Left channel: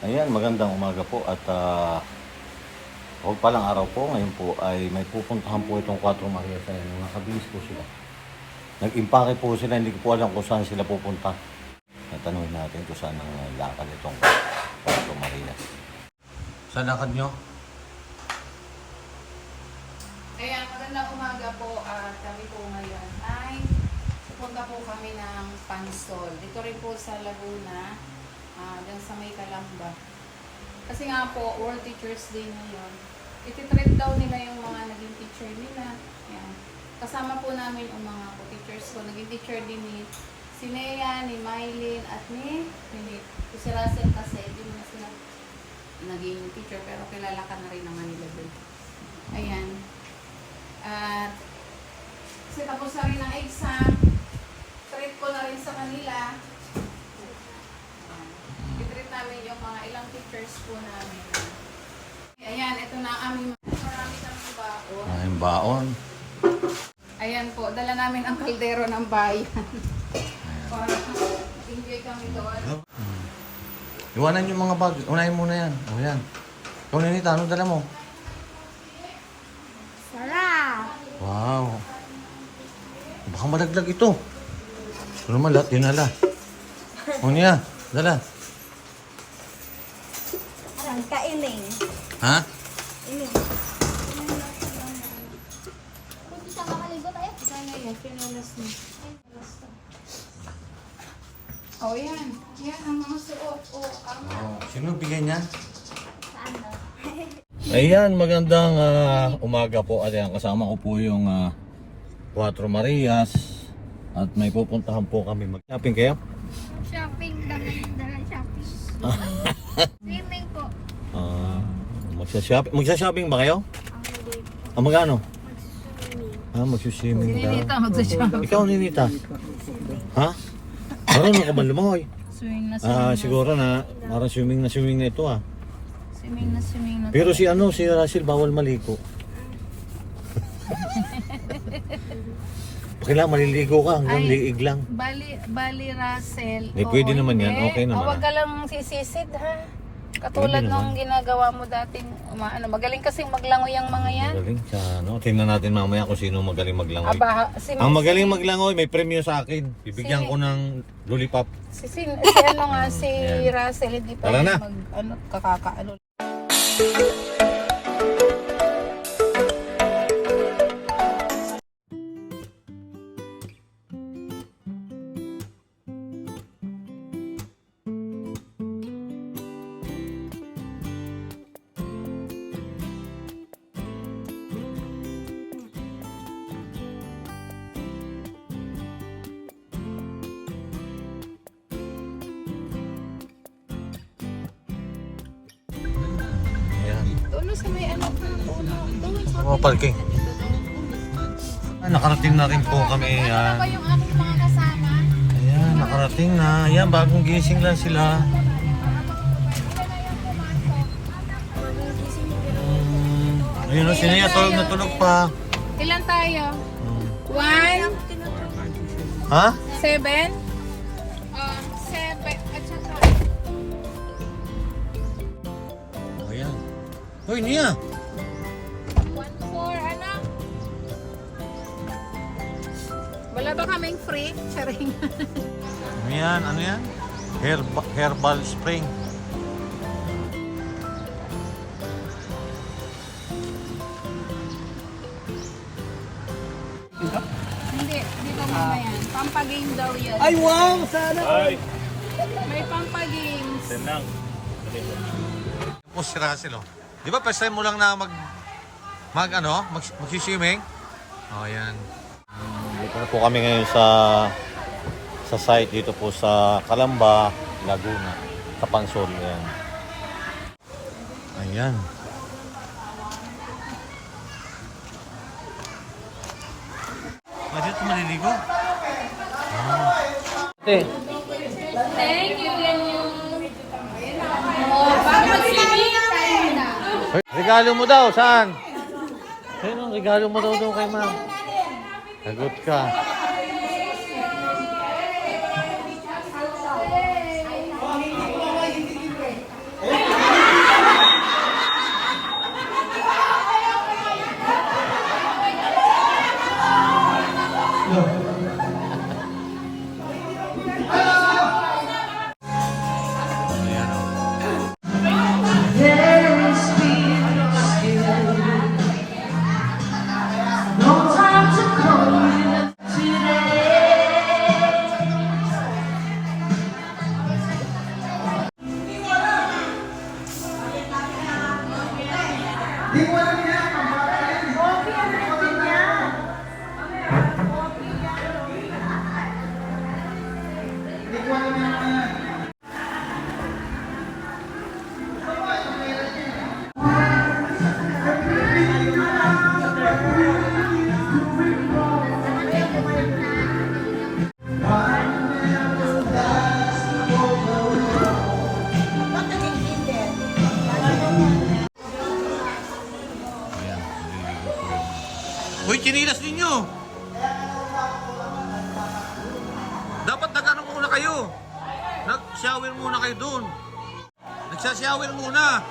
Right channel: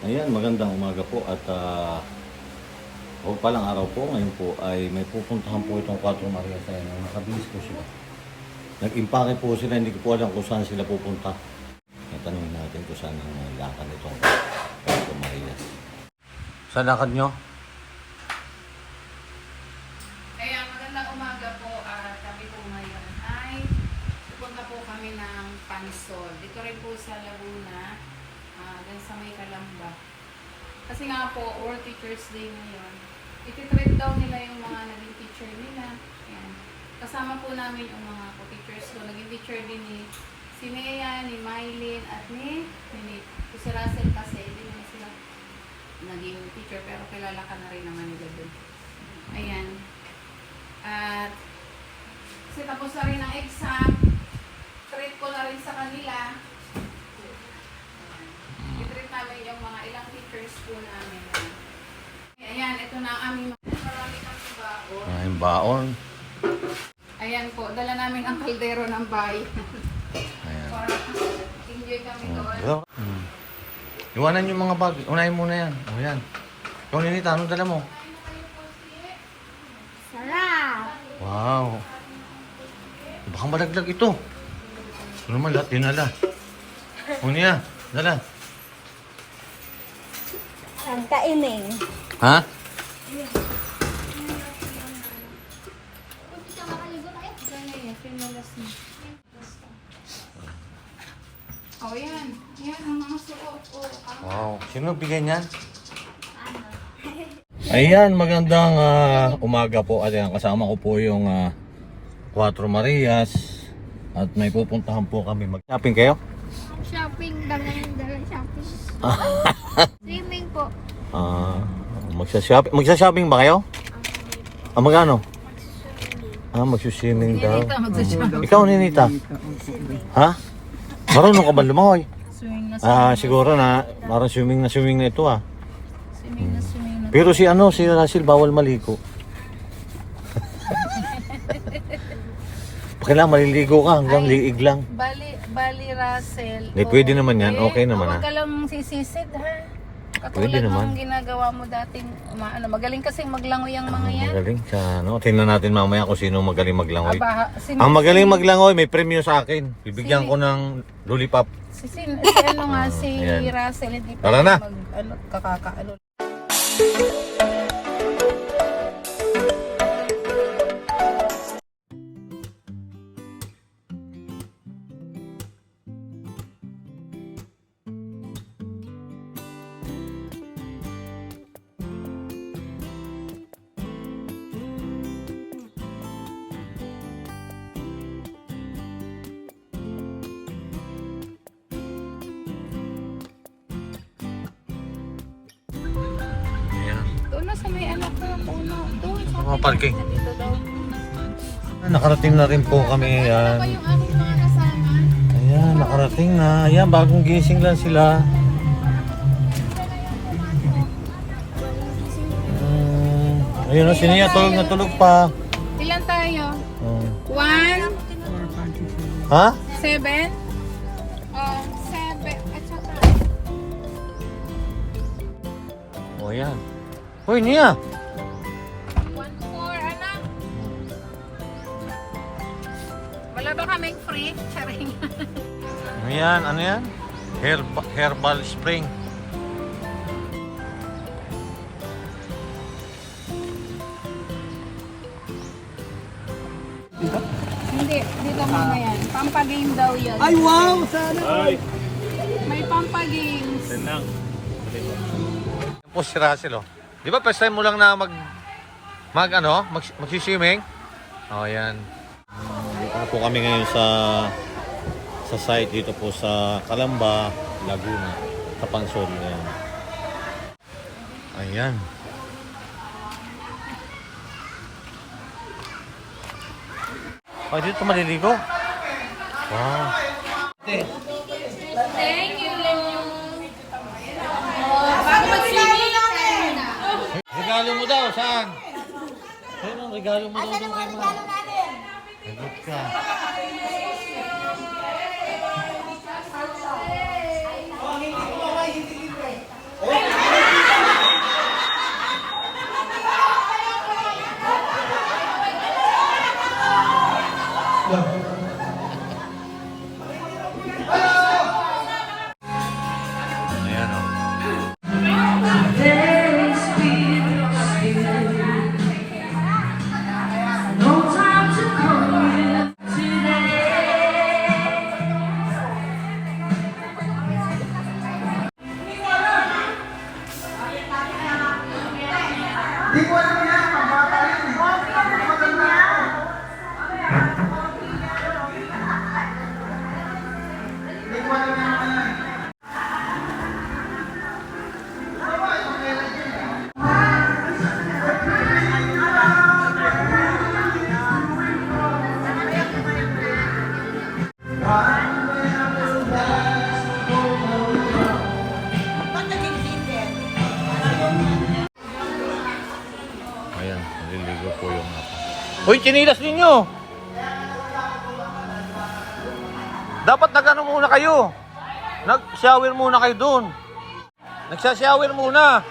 Ayan, magandang umaga po at uh, o palang araw po, ngayon po ay may pupuntahan po itong 4 Maria sa inyo. Nakabihis po sila. Nag-impake po sila, hindi ko po alam kung saan sila pupunta. Natanungin natin kung saan ang lakad nitong 4 Maria. Saan lakad nyo? Kaya magandang umaga po at kami po ngayon ay pupunta po kami ng Pansol. Dito rin po sa Laguna, ah dyan sa may Kalamba. Kasi nga po, World Teachers Day ngayon. Ititrade daw nila yung mga naging teacher nila. Yan. Kasama po namin yung mga po teachers ko. Naging teacher din ni si Nea, ni Mylene, at ni ni Si Russell kasi, hindi mo na sila naging teacher pero kilala ka na rin naman nila doon. Ayan. At kasi tapos na rin ang exam, treat ko na rin sa kanila. Ayan. I-treat namin yung mga ilang teachers po namin. Ayan, ito na ang aming mga marami kang baon. Ay, baon. Ayan po, dala namin ang kaldero ng bayan. Ayan. Para enjoy kami doon. Hello? Hmm. Iwanan yung mga bag. Unahin mo na yan. O yan. Ikaw, Ninita, ano dala mo? Sarap! Wow. Baka malaglag ito. Ano naman lahat dinala. O niya, dala. Ang kainin. Ha? Kung kita makaligo tayo? O yan, yan ang mga suot. O, tama. Wow. Sino bigay niyan? Ayan, magandang ah, umaga po. At ayan, kasama ko po yung ah, Cuatro Marias. At may pupuntahan po kami. Mag-shopping kayo? Shopping, dala yung dala shopping. Swimming po. Ah, magsha-shopping. Magsha-shopping ba kayo? Ah, magkano? Ah, magsuswimming daw. Ninita, magsasya. Ikaw, Ninita? Swimming. Ha? Marunong ka ba lumangoy? Swimming na Ah, siguro na, parang swimming na swimming na ito ah. Swimming na swimming na. Pero si ano, si Russell bawal maligo. Kailangan maliligo ka hanggang Ay. liig lang. Bali, Bali Russell. Eh, pwede naman yan. Okay naman, Huwag ah. ka lang sisisid ha. Pwede Katulad naman. ng ginagawa mo dati. Ma, ano, magaling kasi maglangoy ang mga yan. Magaling sa ano. Tingnan natin mamaya kung sino magaling maglangoy. Aba, si, Ang magaling maglangoy, may premyo sa akin. Bibigyan Si- ko ng lollipop. Si, si, si ano nga, si Ayan. Russell, hindi pa Tara na. mag, ano, kakakaano. Mga parking. Ah, nakarating na rin po kami. Ayan. Ayan, nakarating na. Ayan, bagong gising lang sila. Ayun na, sinaya tulog na tulog pa. Ilan tayo? Oh. One, Ha? seven, uh, seven, at saka Oh, yan. Uy, niya. Kaming free? Charing. Ano yan? Ano yan? Herba, herbal spring. Hindi, dito mama yan. Pampagame daw yun. Ay, wow! Sana! May pampagames. Yan po si Russell, oh. Di ba first time mo lang na mag... Mag ano? Mag, mag-swimming? Oh, yan. Dito na po kami ngayon sa sa site dito po sa Calamba, Laguna, sa Pansol. Ayan. Ayan. Oh, dito maliligo? Wow. Thank you. Oh, bago mag-swimming. Regalo mo daw, saan? Ayun ang regalo mo daw doon kay ma'am. Sagot ka. Ayan, Uy, chinilas ninyo! Dapat nag-ano muna kayo. Nag-shower muna kayo doon. Nagsashower muna.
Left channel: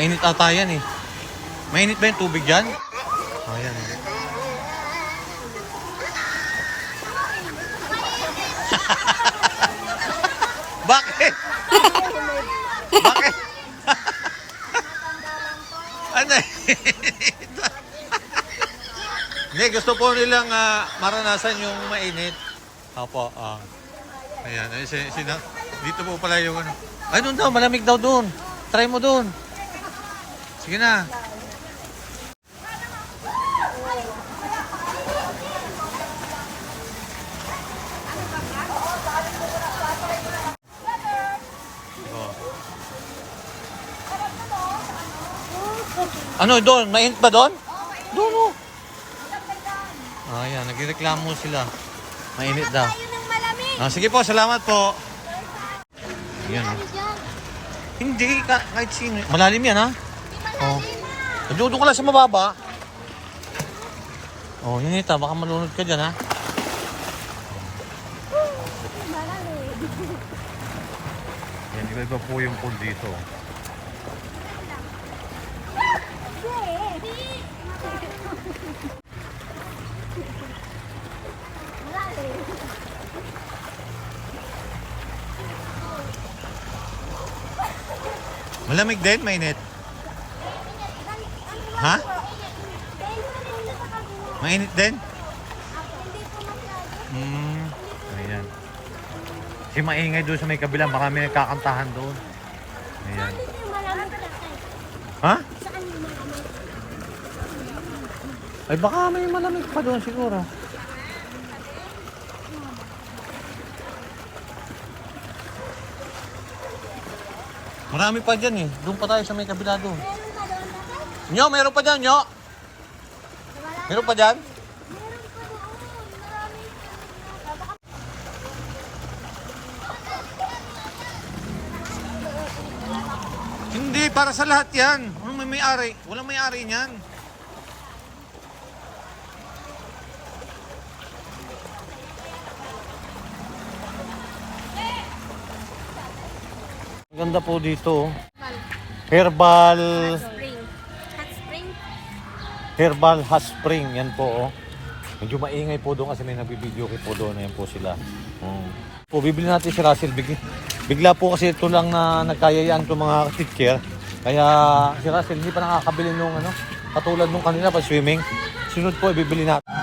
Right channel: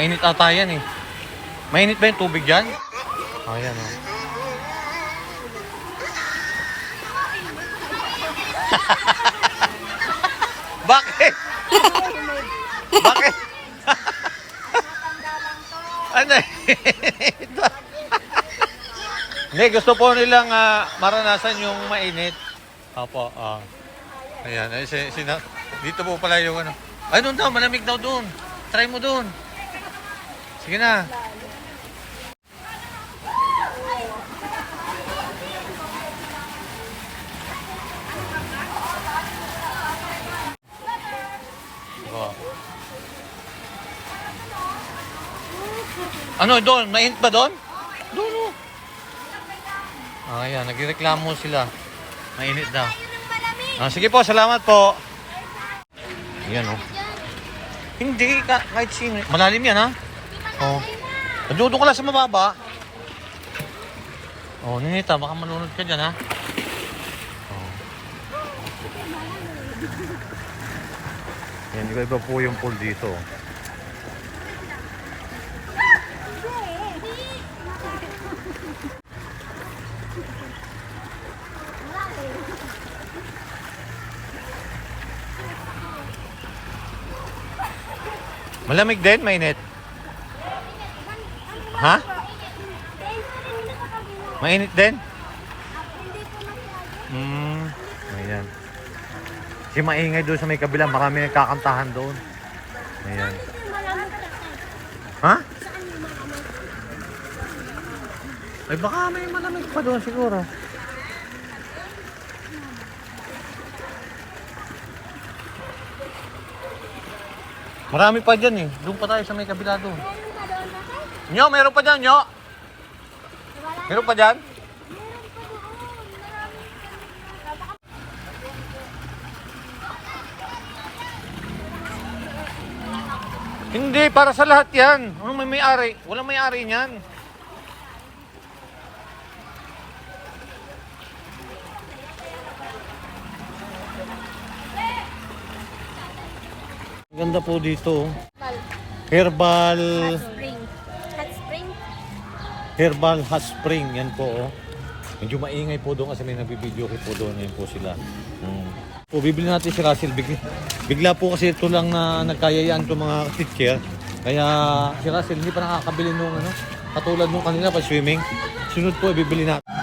Mainit ata yan eh. Mainit ba yung tubig dyan? Oh, yan oh. Bakit? Bakit? ano ito? Hindi, gusto po nilang ah, maranasan yung mainit. Opo, ah. Ayan, ay, si, sina, dito po pala yung ano. Ay, doon daw, malamig daw doon. Try mo doon. Sige na. Oh. Ano doon? Mainit ba doon? Doon oh. Ah, yan. Nagreklamo sila. Mainit daw. Ah, sige po, salamat po. Ayan oh. Hindi, ka, kahit sino. Malalim yan ha. Oh. Nadudo ko lang sa mababa. Oh, Ninita, baka malunod ka dyan ha. Oh. Yan, iba-iba po yung pool dito. Malamig din, mainit. Ha? Mainit din? Hmm. Ayan. Si maingay doon sa may kabila, marami nagkakantahan doon. Ayan. Ha? Ay baka may malamig pa doon siguro. Marami pa dyan eh. Doon pa tayo sa may kabila doon. Nyo, meron pa dyan, nyo? Meron pa dyan? Hindi, para sa lahat yan. Anong may may-ari? Walang may-ari niyan. Ganda po dito. oh. Herbal spring. Herbal Hot Spring. Yan po oh. Medyo maingay po doon kasi may nagbibideo ko po doon. Yan po sila. Um, po, bibili natin si Russell. Bigla, bigla po kasi ito lang na nagkayayaan ko mga sister. Kaya si Russell hindi pa nakakabili nung ano. Katulad nung kanina pa swimming. Sunod po, bibili natin.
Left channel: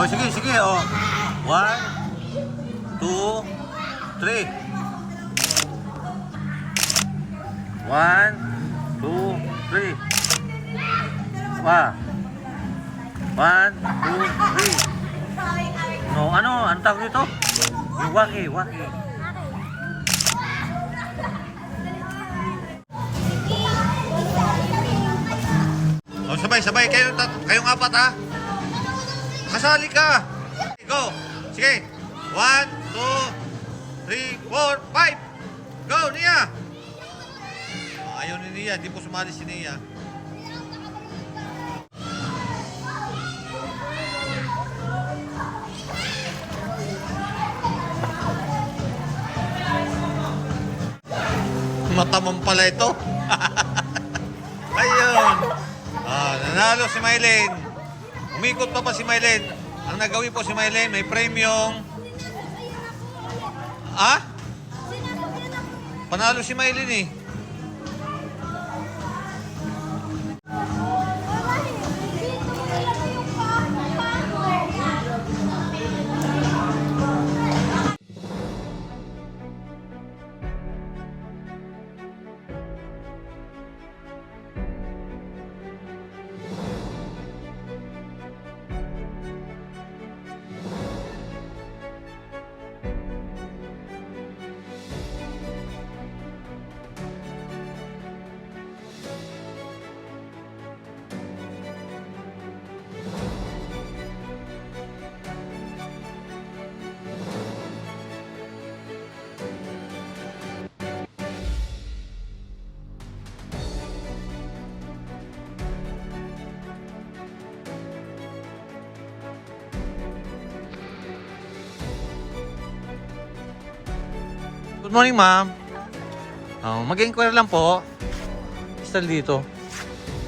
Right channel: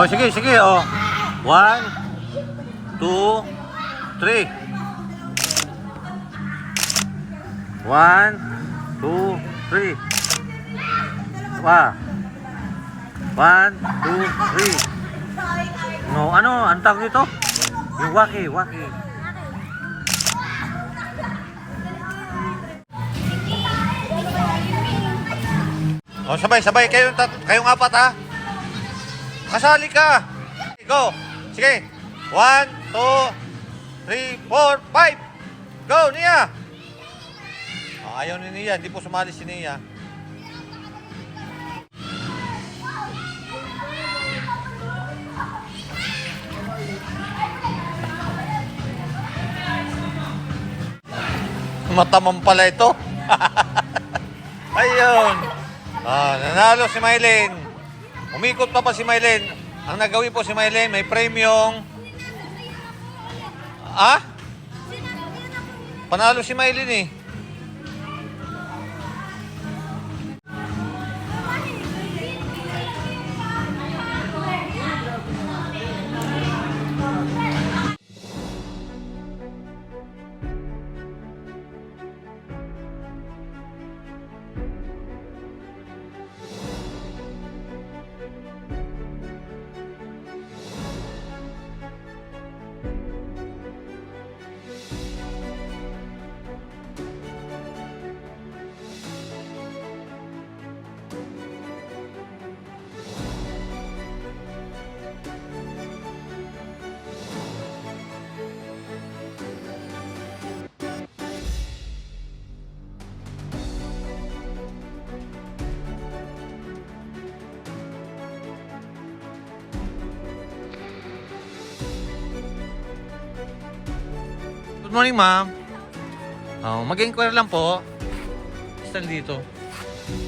Oh, sige, sige, oh. One, two, three. One, two, three. Wa. One, two, three. No, ano? Ang tawag dito? Yung waki, waki. Oh, sabay, sabay. Kayo, kayong apat, ha? Kasali ka. Go. Sige. One, two, three, four, five. Go, Nia. Oh, ayaw ni Nia. Hindi po sumali si Nia. Matamang pala ito. Ayun. Ah, nanalo si Mylene. Umikot pa pa si Mylen. Ang nagawin po si Mylen, may premium. Ah? Panalo si Mylen eh. Good morning, ma'am. Oh, mag-inquire lang po. Still dito.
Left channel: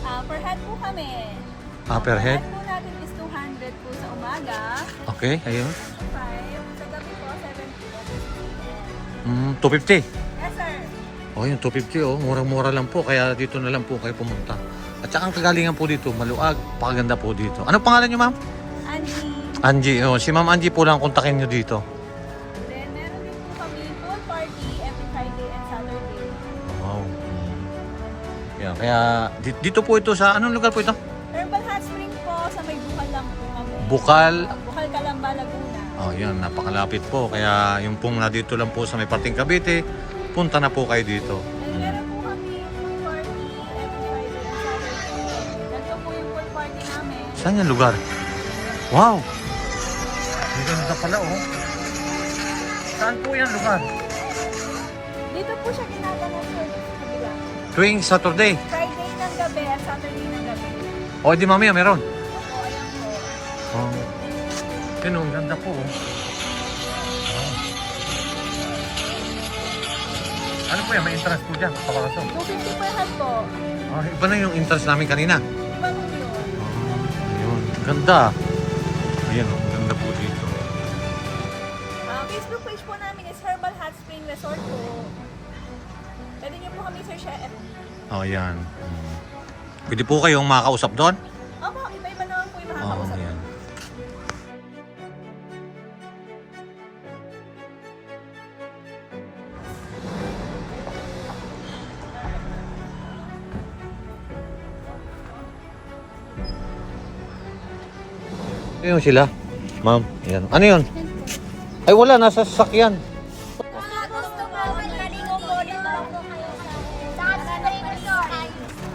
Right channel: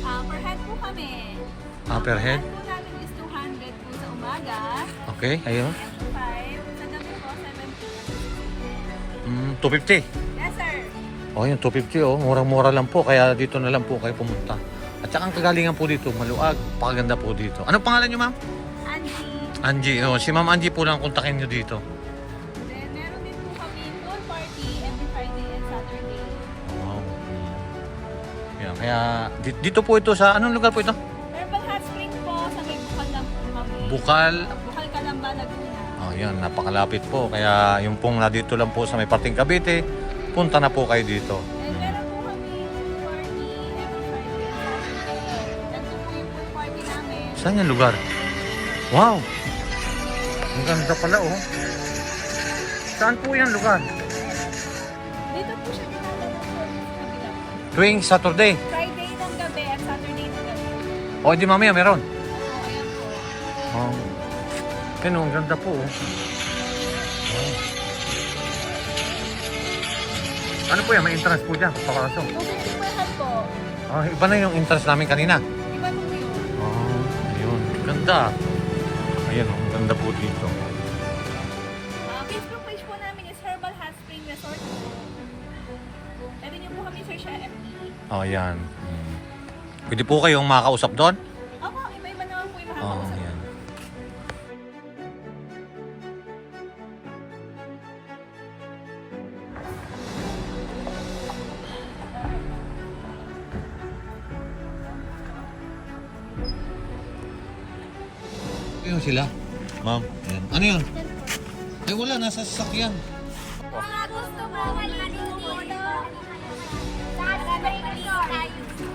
Ah, per head po kami. Ah, per head? Per head po natin is 200 po sa umaga. Okay, ayun. 5. Sa gabi po, 7 p.m. Mm, 250. Yes, sir. Oh, yung 250 oh. Murang-mura lang po. Kaya dito na lang po kayo pumunta. At saka ang kagalingan po dito, maluag. Pakaganda po dito. Ano pangalan niyo, ma'am? Angie. Angie. Oh, si Ma'am Angie po lang kontakin niyo dito. Kaya di- dito po ito sa anong lugar po ito? Herbal Hot Spring po, sa may Bukal lang po kami. Bukal. Ah, Bukal Calamba, Laguna. Oh, yan, napakalapit po. Kaya yung pong na dito lang po sa may parting Cavite, punta na po kayo dito. And Mm. meron po kami party every Friday and Saturday. Po yung pool party namin. Saan yung lugar? Wow! Ang ganda pala oh. Saan po yung lugar? Dito po siya tinatanong kabila. Tuwing Saturday. Friday ng gabi at Saturday ng gabi. O di mamaya meron. Opo, ayan po. Oh. Yun oh, ang ganda po oh. Oh. Ano po yan? May entrance po dyan. Papasok. 250 per head po. Oh, iba na yung entrance namin kanina. Iba po yun. Oh, ayun. Ganda. Ayan oh, ang ganda po dito. Oh, ayan. Hmm. Pwede po kayong makakausap doon? Opo, iba-iba naman po yung Oh, makakausap. ayan. Ayun sila. Ma'am, ayan. Ano yun? Ay wala, nasa sasakyan.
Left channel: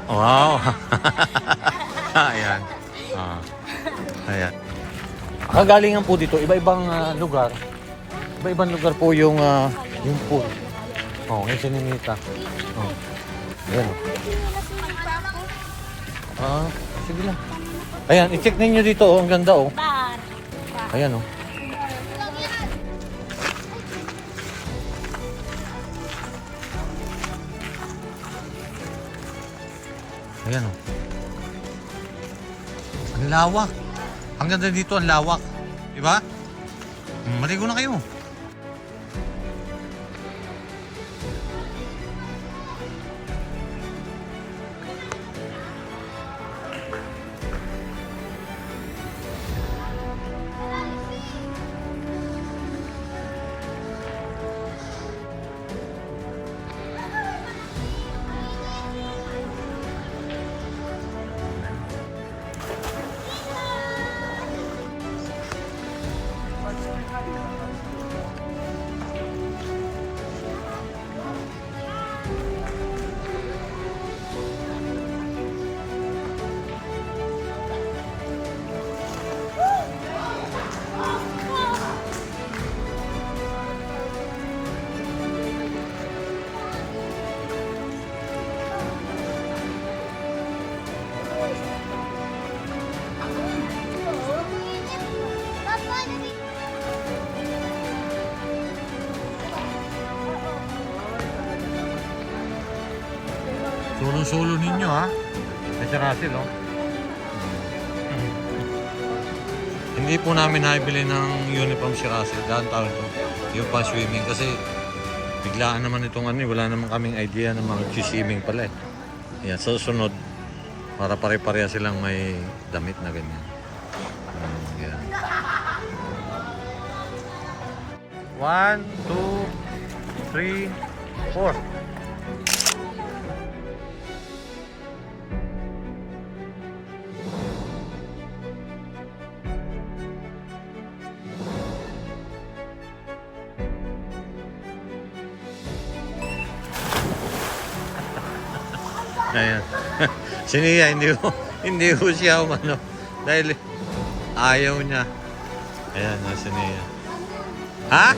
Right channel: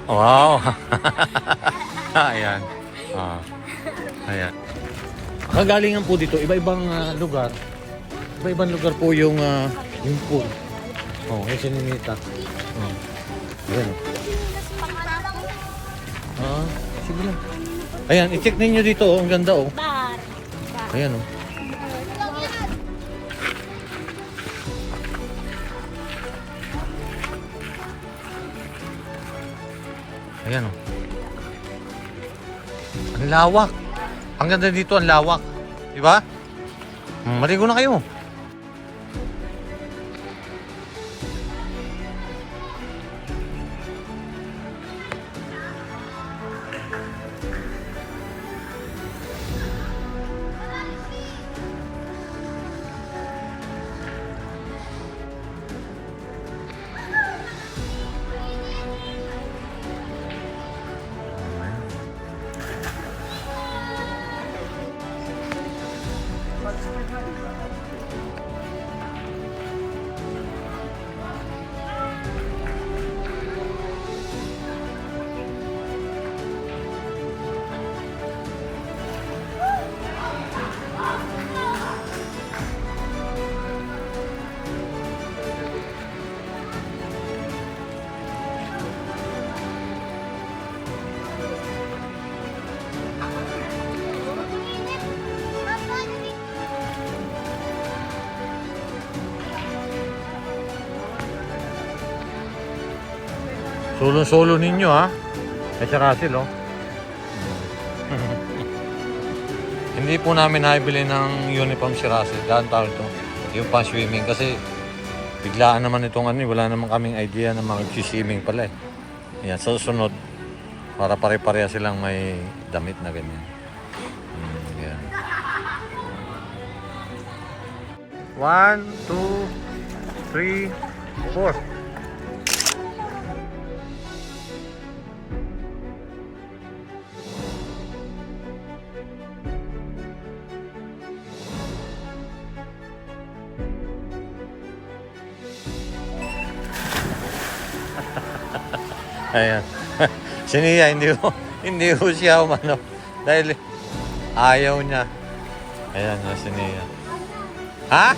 Wow! ayan. Ah. Ayan. Kagalingan po dito, iba-ibang ah, lugar. Iba-ibang lugar po yung ah, yung pool. Oh, yung sininita. Oh. Ayan. Ah, sige lang. Ayan, i-check ninyo dito, oh. Ang ganda, oh. Ayan, oh. Ayan, oh. Ang lawak. Ang ganda dito, ang lawak. Di ba? Hmm, maligo na kayo. Solo-solo ninyo, ha? Ay, si Russell, oh. Hindi po namin naibili ng uniform si Russell. Dahil tawag to. Yung pa swimming kasi biglaan naman itong ano, eh, wala naman kaming idea na mag-swimming pala eh. Yan, sa susunod, para pare-pareha silang may damit na ganyan. Hmm, yan. One, two, three, four. Ayan. si Nia, hindi ko, hindi ko siya umano. Dahil ayaw niya. Ayan, na si Nia. Ha?